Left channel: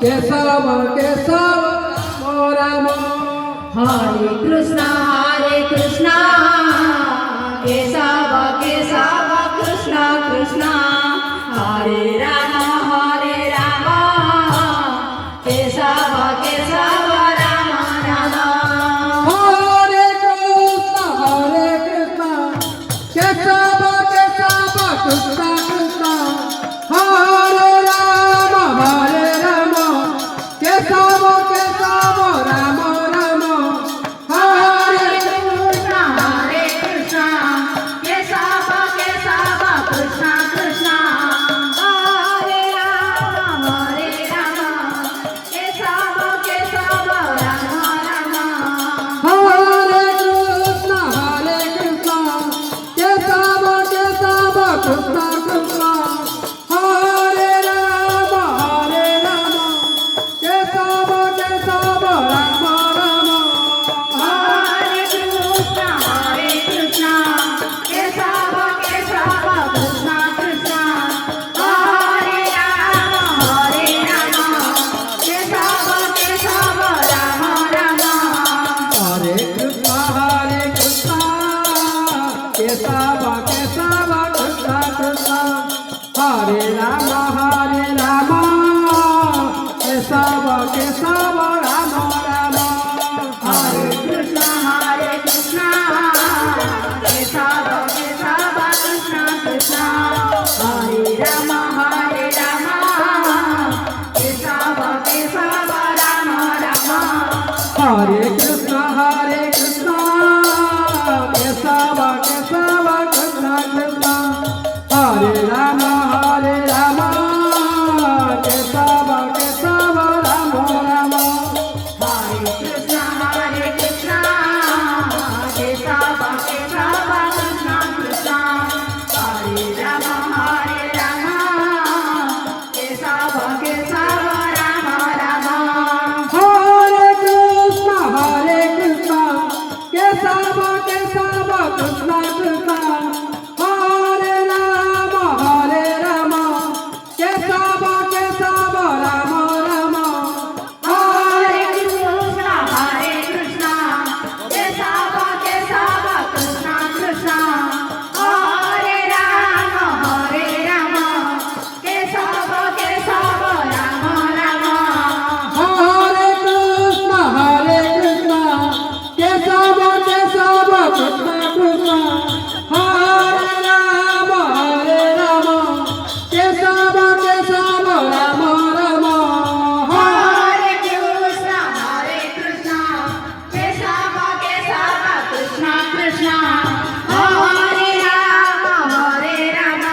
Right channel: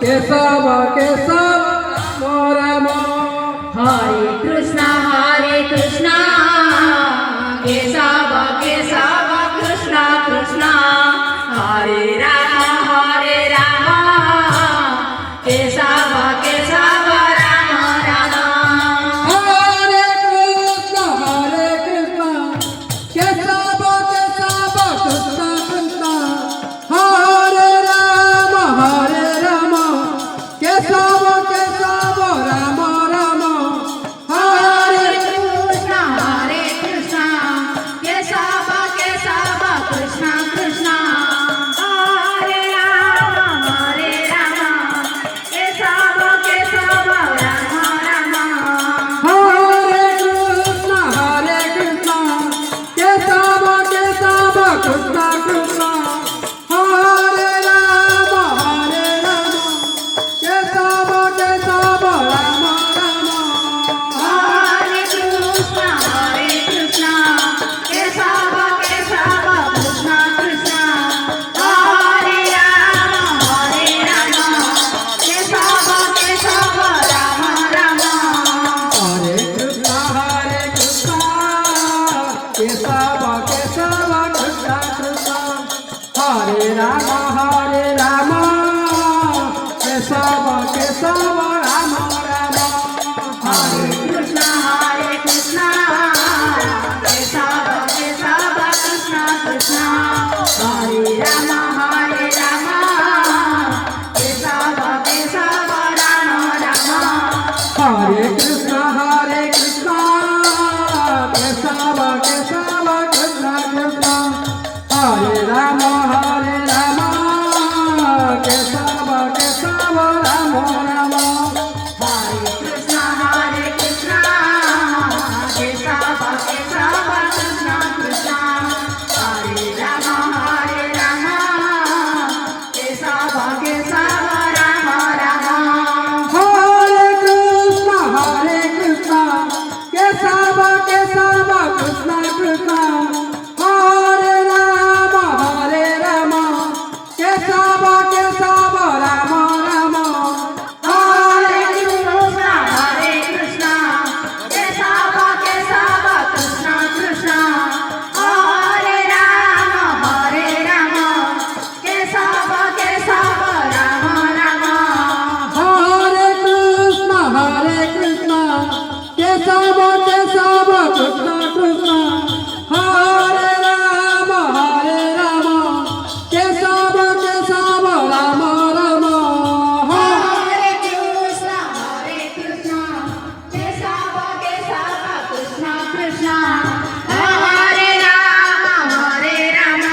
Keshav Keshav Ram Ram Hare Krishna Keshav Keshav Krishna Krishna Hare Ram Keshav Keshav Ram Ram Hare Krishna Keshav Keshav Krishna Krishna Hare Ram Keshav Keshav Ram Ram Hare Krishna Keshav Keshav Krishna Krishna Hare Ram Keshav Keshav Ram Ram Hare Krishna Keshav Keshav Krishna Krishna Hare Ram Keshav Keshav Ram Ram Hare Krishna Keshav Keshav Krishna Krishna Hare Ram Keshav Keshav Ram Ram Hare Krishna Keshav Keshav Krishna Krishna Hare Ram Keshav Keshav Ram Ram Hare Krishna Keshav Keshav Krishna Krishna Hare Ram Keshav Keshav Ram Ram Hare Krishna Keshav Keshav Krishna Krishna Hare Ram Keshav Keshav Ram Ram Hare Krishna Keshav Keshav Krishna Krishna Hare Ram Keshav Keshav Ram Ram Hare Krishna Keshav Keshav Krishna Krishna Hare Ram Keshav Keshav Ram Ram Hare Krishna Keshav Keshav Krishna Krishna Hare Ram Keshav Keshav Ram Ram Hare Krishna Keshav Keshav Krishna Krishna Hare Ram Keshav Keshav Ram Ram Hare Krishna Keshav Keshav Krishna Krishna Hare Ram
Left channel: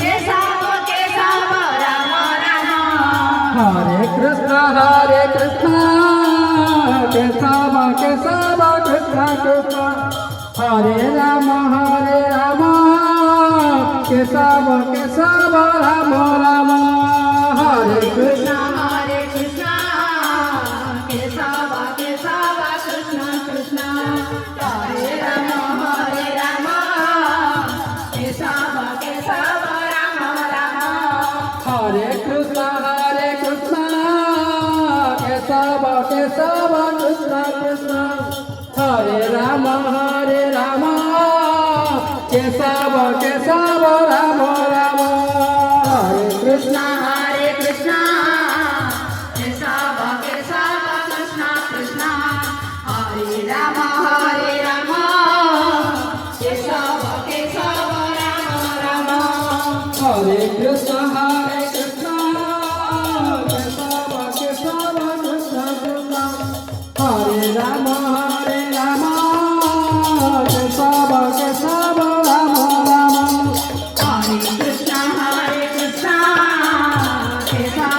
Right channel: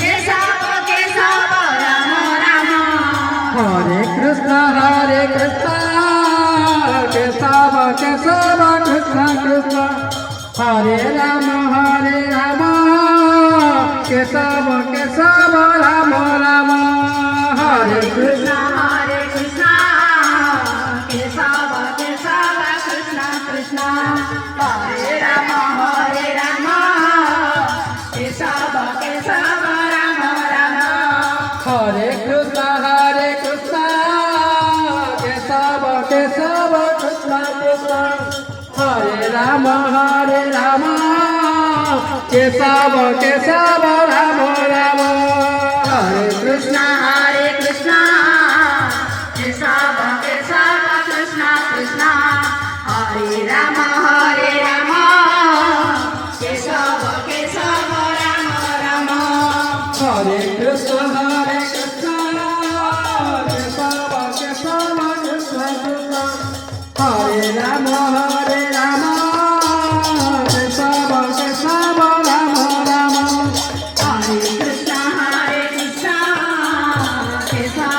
Keshav Keshav Ram Ram Hare Krishna Keshav Keshav Krishna Krishna Hare Ram Keshav Keshav Ram Ram Hare Krishna Krishna Keshav Keshav Krishna Krishna Hare Ram Keshav Keshav Ram Ram Hare Krishna Keshav Keshav Krishna Krishna Hare Ram Keshav Keshav Ram Ram Hare Krishna Keshav Keshav Krishna Krishna Hare Ram Keshav Keshav Ram Ram Hare Krishna Keshav Keshav Krishna Krishna Hare Ram